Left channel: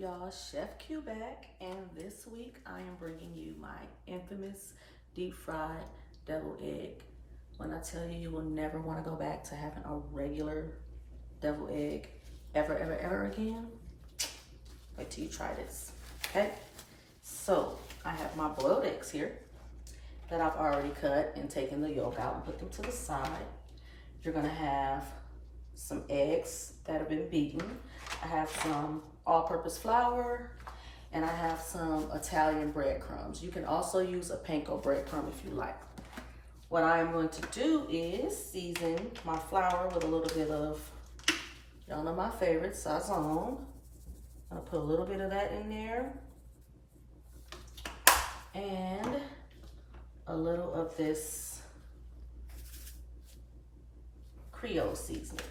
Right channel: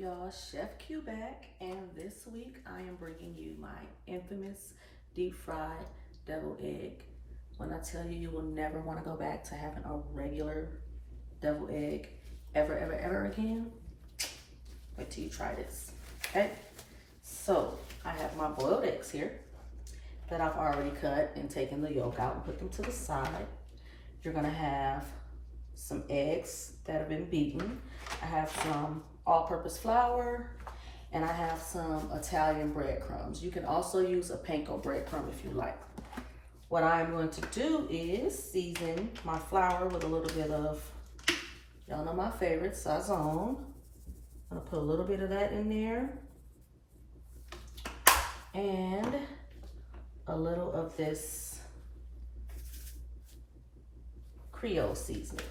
y'all? Chef Q back, and this week I am bringing you my infamous deep fried deviled egg. When I tell you, you will never want to go back to having a regular deviled egg ever again, wait till you try this. Okay, so I have my boiled eggs here that I've already cut and taken the yolk out and put them to the side. You're gonna have some eggs that have been beaten. I have some all-purpose flour, and I have some Italian breadcrumbs. You can also use a panko breadcrumb if you like. What I am going to do is season my flour with a little bit of, y'all know my favorite, sazon. I'm gonna put a little bit of that in there, and a little of this Creole seasoning.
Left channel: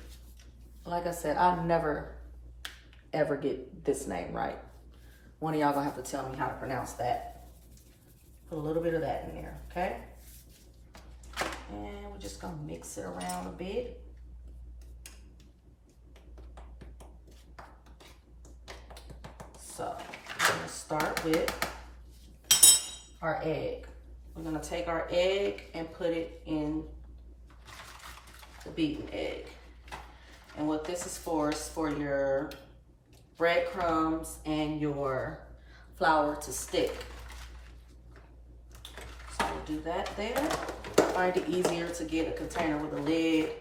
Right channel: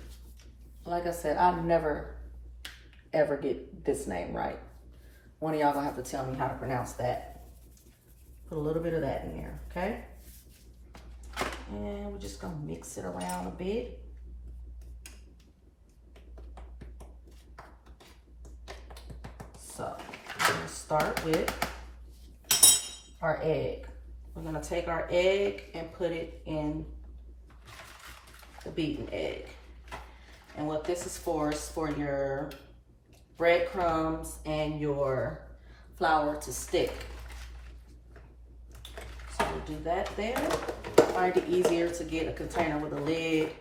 Like I said, I never ever get this name right. One of y'all gonna have to tell me how to pronounce that. Put a little bit of that in there, okay? And we're just gonna mix it around a bit. So we're gonna start with our egg. We're gonna take our egg and put it in the beaten egg. And what this is for your breadcrumbs and your flour to stick. So we'll do that there. I find it easier to get a container with a lid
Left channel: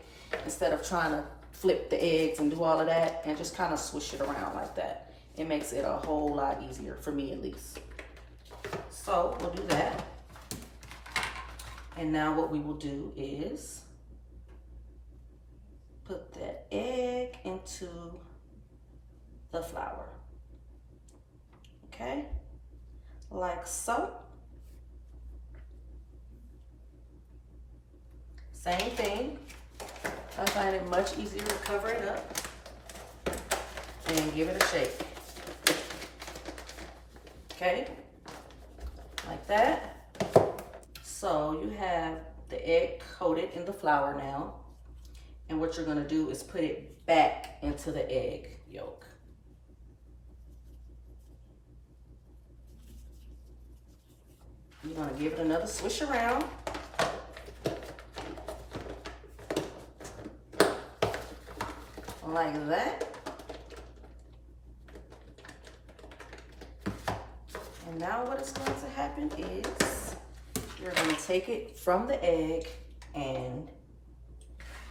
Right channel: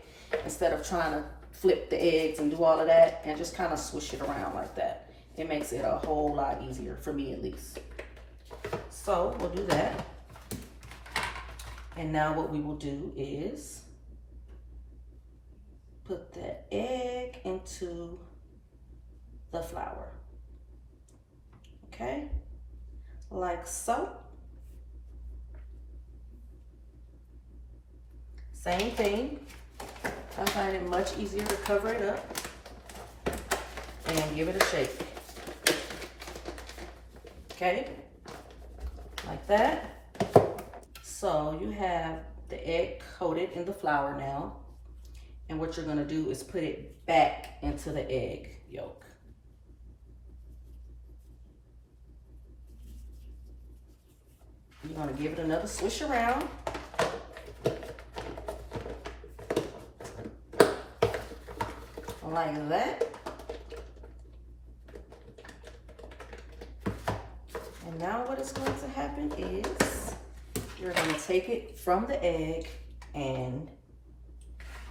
instead of trying to flip the eggs and do all of that, and just kind of swish it around like that. It makes it a whole lot easier, for me at least. So we'll do that. And now what we will do is put that egg into the flour, okay, like so. Same thing. I find it much easier to cover it up and give it a shake, okay, like that. So you have the egg coated in the flour now, and what you're gonna do is put it back into the egg yolk. You're gonna give it another swish around. Like that. And now what is going to happen is you're gonna take it from the egg and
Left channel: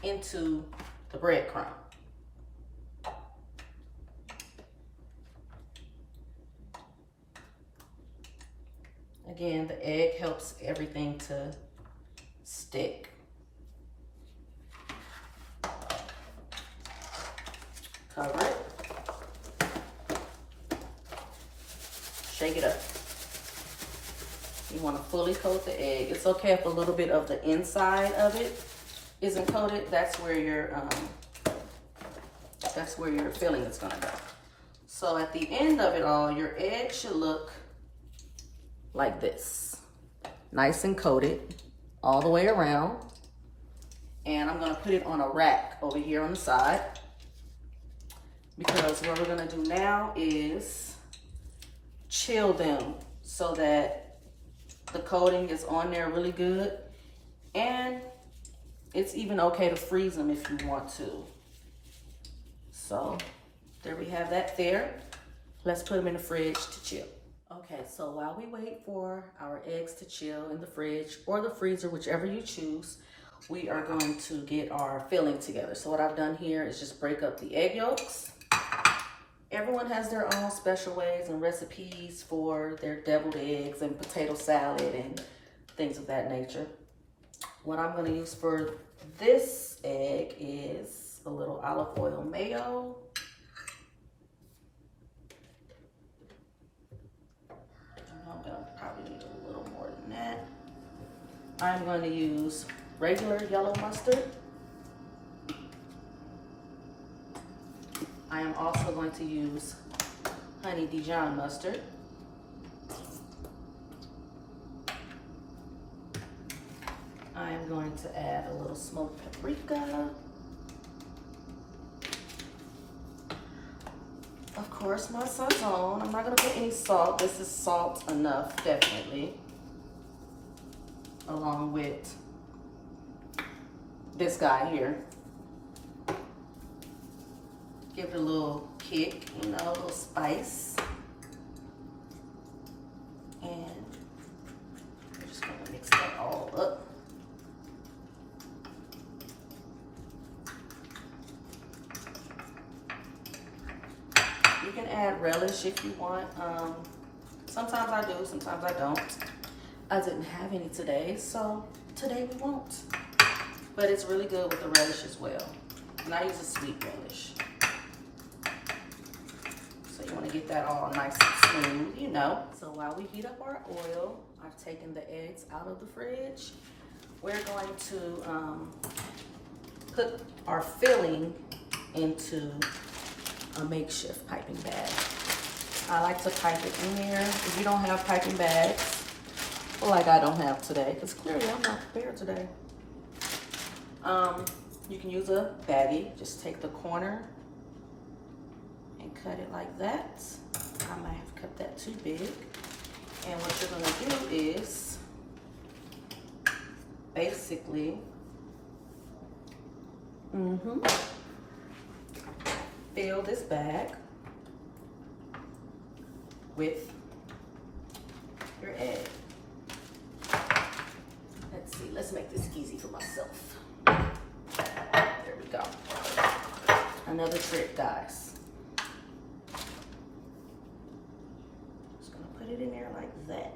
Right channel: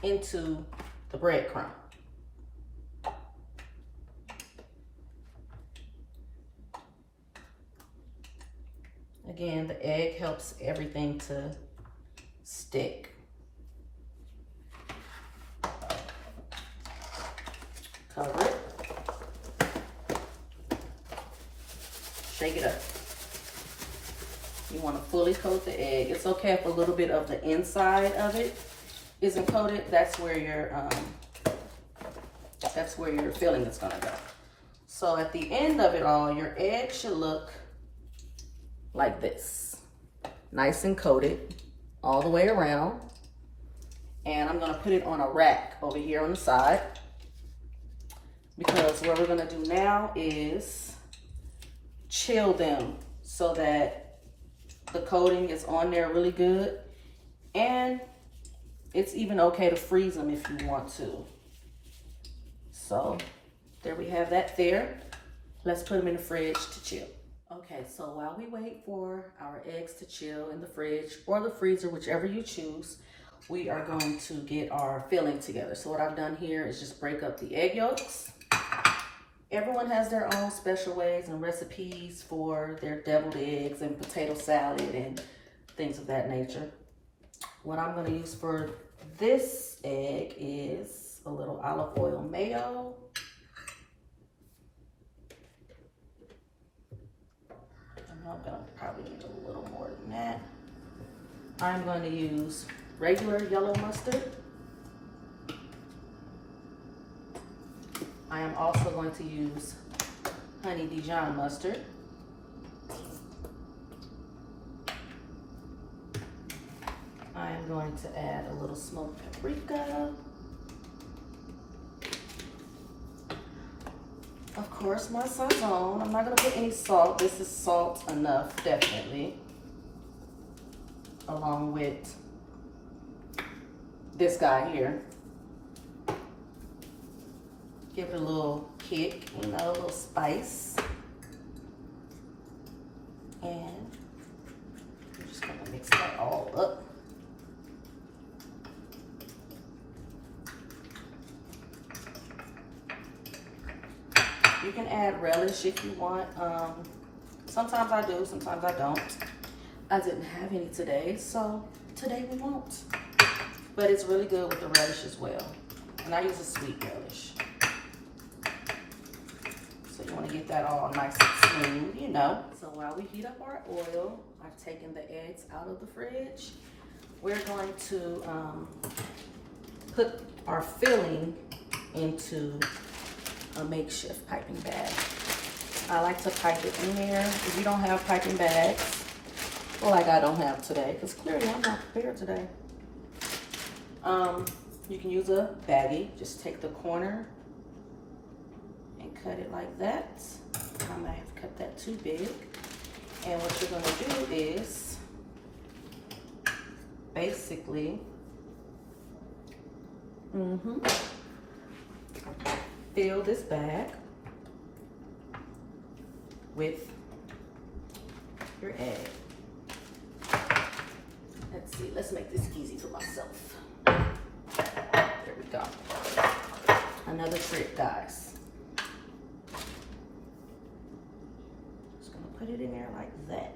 into the breadcrumb. Again, the egg helps everything to stick. Cover it. Shake it up. You want to fully coat the egg. It's okay if a little bit of the inside of it isn't coated. That's where your filling is gonna go. So at the end of it all, your egg should look like this, nice and coated all the way around. And I'm gonna put it on a rack over here on the side, because what we're gonna do now is chill them so that the coating is on there really good, and it's even okay to freeze them if you want to. So there we have that there. Let's put them in the fridge to chill. Okay, so while we wait for our eggs to chill in the fridge or the freezer, whichever you choose, we are going to get our filling together. So what I've done here is just break up the egg yolks. Everyone has their own special ways and recipes for their deviled eggs and potato salad and things of that nature. What I'm going to use for this egg is a little olive oil mayo. I'm going to probably need a little more than that. I'm going to use regular yellow mustard. I am also going to use honey Dijon mustard. I am going to add a little smoked paprika. Of course, my sazon. I'm not gonna put any salt. This is salt enough, definitely. Along with this guy here. Give it a little kick, you know, a little spice. And I'm just gonna mix that all up. You can add relish if you want. Sometimes I do, sometimes I don't. I didn't have any today, so today we won't. But it's really good with the relish as well. And I use a sweet relish. So you want to get that all nice and smooth, you know. So while we heat up our oil, I've taken the eggs out of the fridge. We're going to put our filling into a makeshift piping bag. I like to pipe it in there. If you don't have piping bags, like I don't have today, because clearly I'm not prepared today. You can use a baggie. Just take the corner and cut it like that. I might have cut that too big. And what you're gonna do is basically fill this bag with your egg. Let's see, let's make this easy for myself. There we go. Another trick, guys. Just gonna put it in there like that.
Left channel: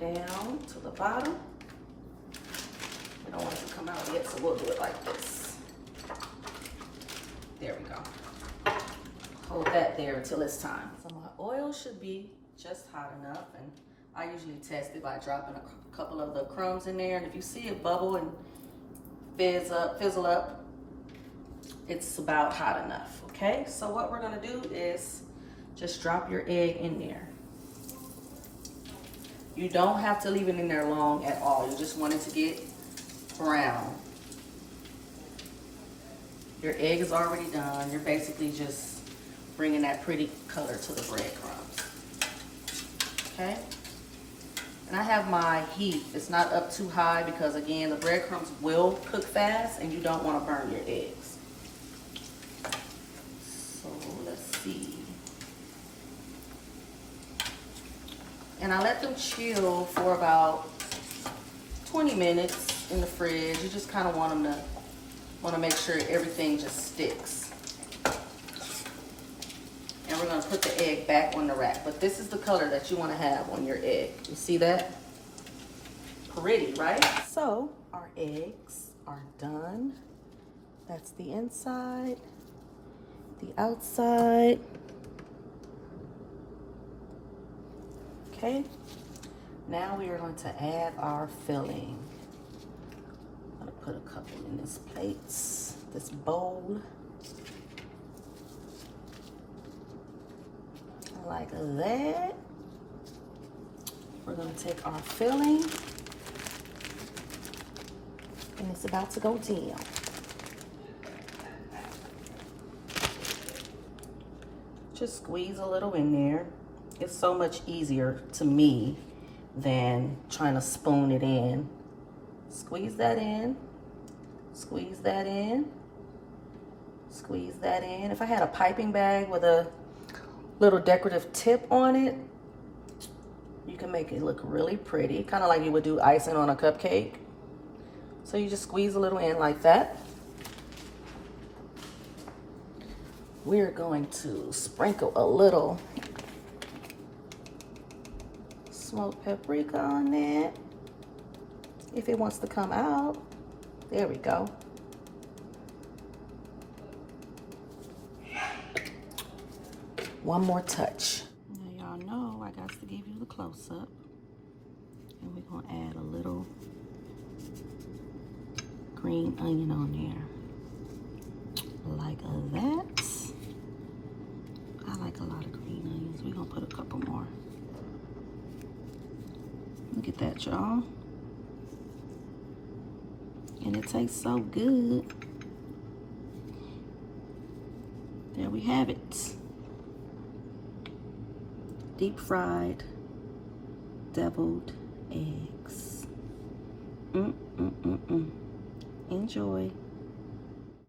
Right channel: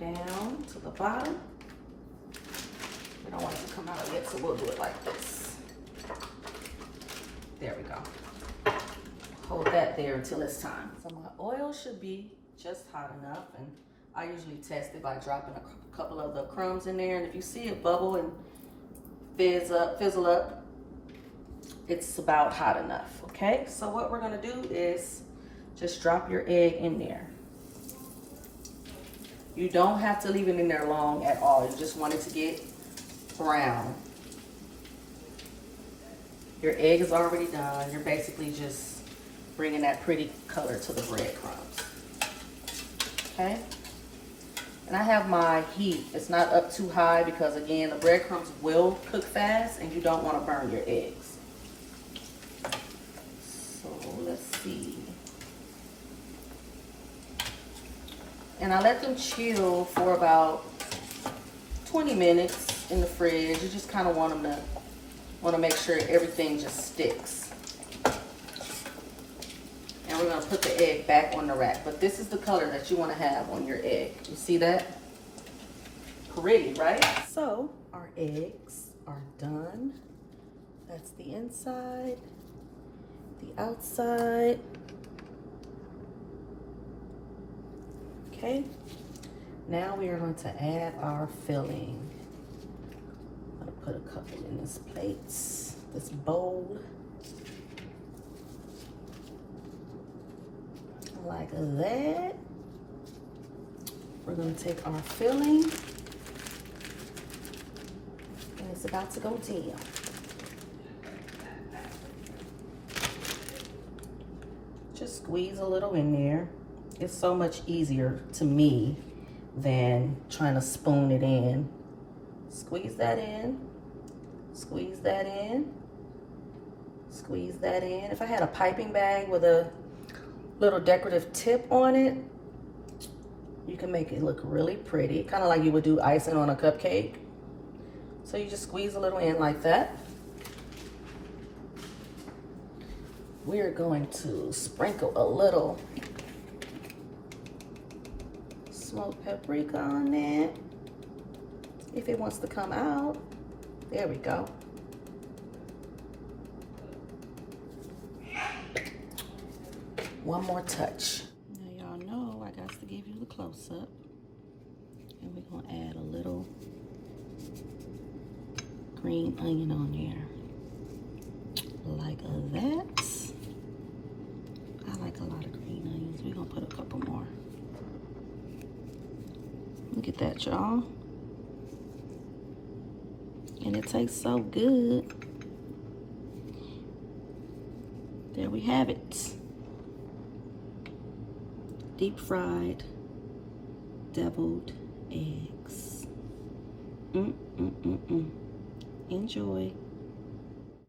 Down to the bottom. We don't want it to come out yet, so we'll do it like this. There we go. Hold that there until it's time. So my oil should be just hot enough, and I usually test it by dropping a couple of the crumbs in there, and if you see it bubble and fizzle up, it's about hot enough, okay? So what we're gonna do is just drop your egg in there. You don't have to leave it in there long at all. You just want it to get brown. Your egg is already done. You're basically just bringing that pretty color to the breadcrumbs. Okay? And I have my heat. It's not up too high because, again, the breadcrumbs will cook fast and you don't want to burn your eggs. So let's see. And I let them chill for about 20 minutes in the fridge. You just kind of want to make sure everything just sticks. And we're gonna put the egg back on the rack. But this is the color that you want to have on your egg. You see that? Pretty, right? So our eggs are done. That's the inside, the outside. Okay, now we are going to add our filling. I'm going to put a couple in this plate, this bowl. Like that. We're going to take our filling, and it's about to go down. Just squeeze a little in there. It's so much easier to me than trying to spoon it in. Squeeze that in, squeeze that in, squeeze that in. If I had a piping bag with a little decorative tip on it, you can make it look really pretty, kind of like you would do icing on a cupcake. So you just squeeze a little in like that. We're going to sprinkle a little smoked paprika on that if it wants to come out. There we go. One more touch. Now y'all know I got to give you the close-up, and we're gonna add a little green onion on there like that. I like a lot of green onions. We're gonna put a couple more. Look at that, y'all. And it tastes so good. There we have it. Deep fried deviled eggs. Enjoy.